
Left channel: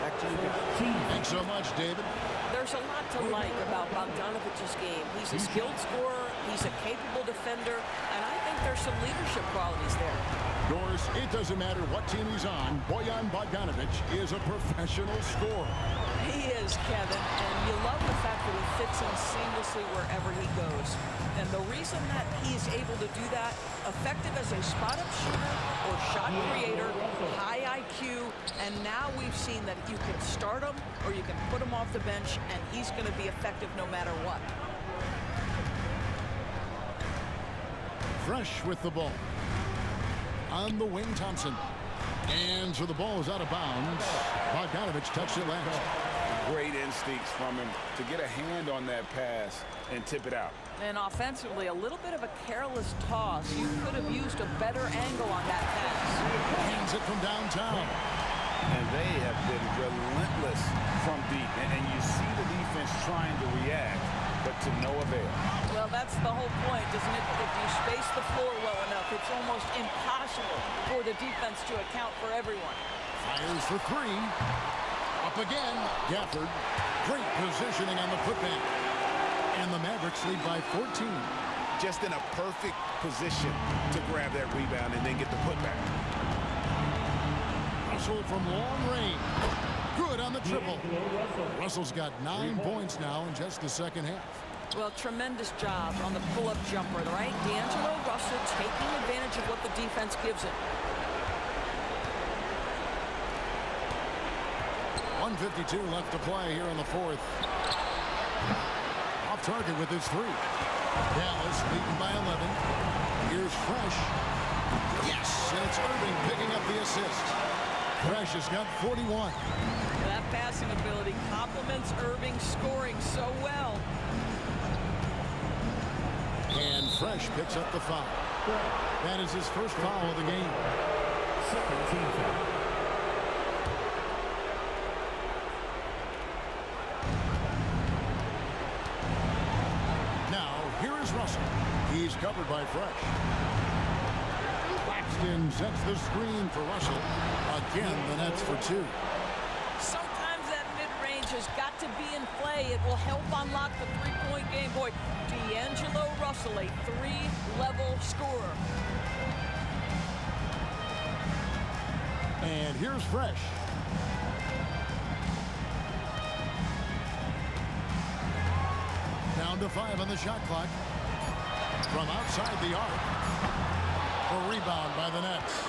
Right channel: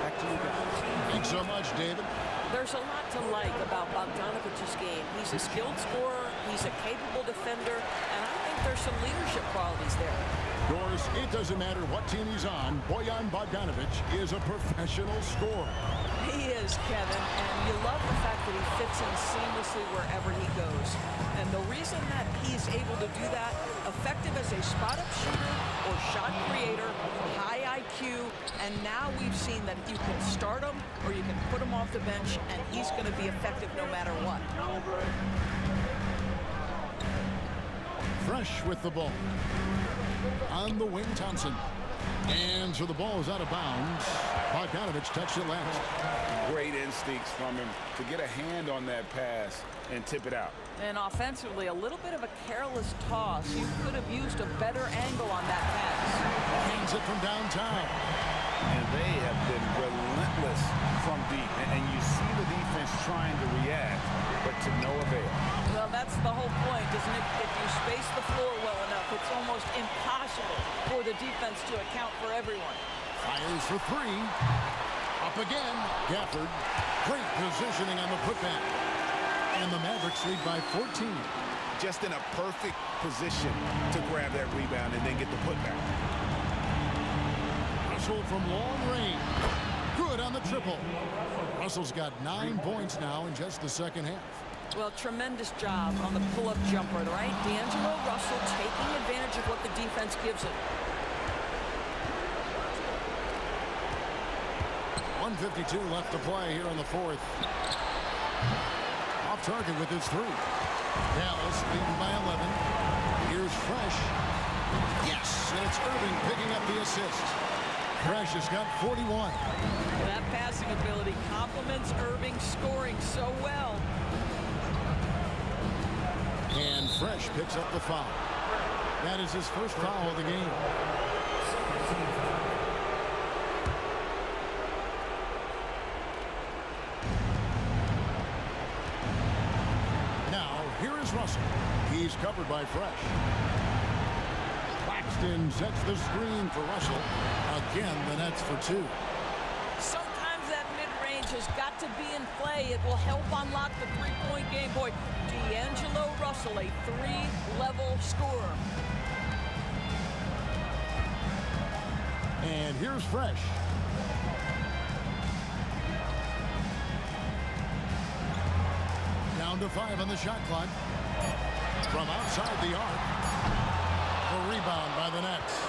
Back to you guys. Thanks so much, David. There's a lot to like about Bogdanovic's game. He's a skilled scorer, he's a capable defender, and I think there's some leadership qualities there. Doris, it doesn't matter what team he's on, Bojan Bogdanovic is a professional scorer. He is, Kevin, and you love the fact that he fits in seamlessly wherever he goes. And the reason that he's able to do that, effective as a spot-up shooter or shot creator, high IQ, and now we've seen that you can start him or you can put him off the bench, and he's going to be effective no matter what. Fresh with the ball. On the wing, Thompson. And so the ball is out of bounds. Bogdanovic touched it last. Great instincts from him to get a hand on that pass and tip it out. And offensively, a little bit of a careless toss. You could have used a better angle on that pass. Hands it from downtown. And they have been relentless from deep. And you see the defense trying to react, but to no avail. Well, that's the whole point, isn't it? If you space the floor well enough, it's almost impossible for the defense to account for everyone. Fires for three. Up again. Gafford. Great positioning on the putback. And the Mavericks lead by 14. Just in a perfect position to grab that rebound and then get the putback. Russell from long range. Good on the triple. Russell's got 9 points now in just the second half. Well, tremendous job on the pull-up jumper, right? D'Angelo Russell taking advantage of what the defense gives him. 1:52 left to play here in the fourth. Off target with his three. Dallas leading by 11. Here's Fresh. Yes, and it's Irving picking up the assist. Fresh has got 41. That passing ability complements Irving scoring so well. And Fresh picks up the foul. That is his first foul of the game. Now, here is Russell. He's covered by Fresh. Claxton sets the screen for Russell. Again, the Nets for two. Sometimes that mid-range has got to be in play. It will help unlock the three-point game. Boy, D'Angelo Russell, a three-level scorer. And here's Fresh. Down to 5 on the shot clock. From outside the arc. The rebound by the Nets.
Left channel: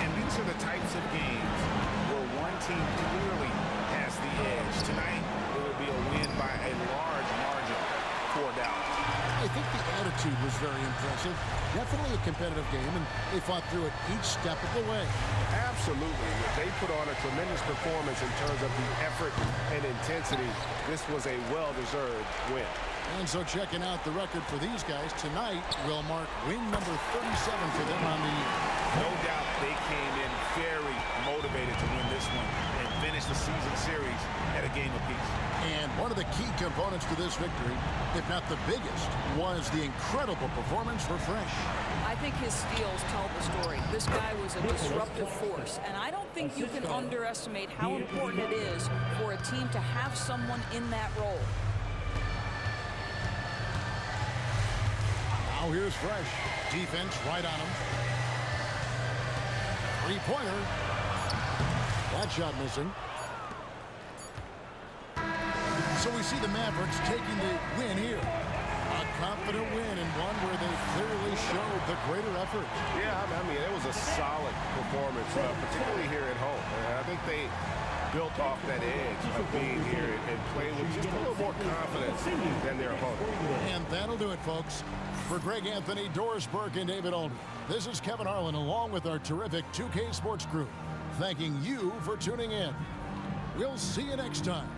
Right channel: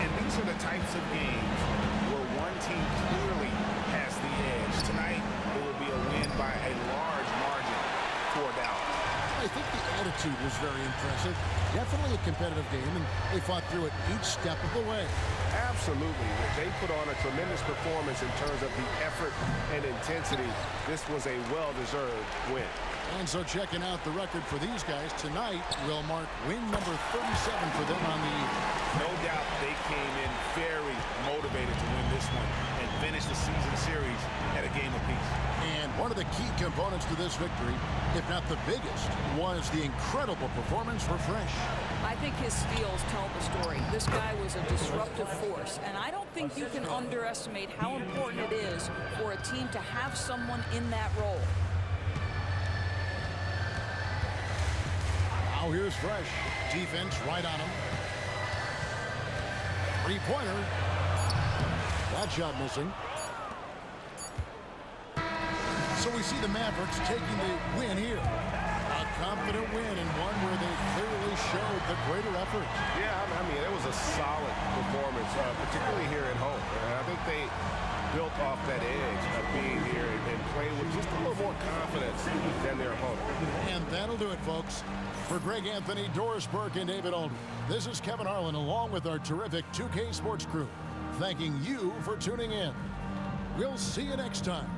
And these are the types of games where one team clearly has the edge. Tonight, it will be a win by a large margin for Dallas. I think the attitude was very impressive. Definitely a competitive game, and they fought through it each step of the way. Absolutely. They put on a tremendous performance in terms of the effort and intensity. This was a well-deserved win. And so checking out the record for these guys tonight will mark win number 37 for them on the year. No doubt they came in very motivated to win this one and finish the season series at a game apiece. And one of the key components to this victory, if not the biggest, was the incredible performance for Fresh. I think his steals tell the story. This guy was a disruptive force, and I don't think you can underestimate how important it is for a team to have someone in that role. Now here's Fresh. Defense right on him. Three-pointer. That shot missing. So we see the Mavericks taking the win here. A confident win and one where they clearly showed the greater effort. Yeah, I mean, it was a solid performance, particularly here at home. And I think they built off that edge of being here and played with just a little more confidence than their opponent. And that'll do it, folks. For Greg Anthony, Doris Burke, and David Aldridge, this is Kevin Harlan along with our terrific 2K Sports crew, thanking you for tuning in. We'll see you next time.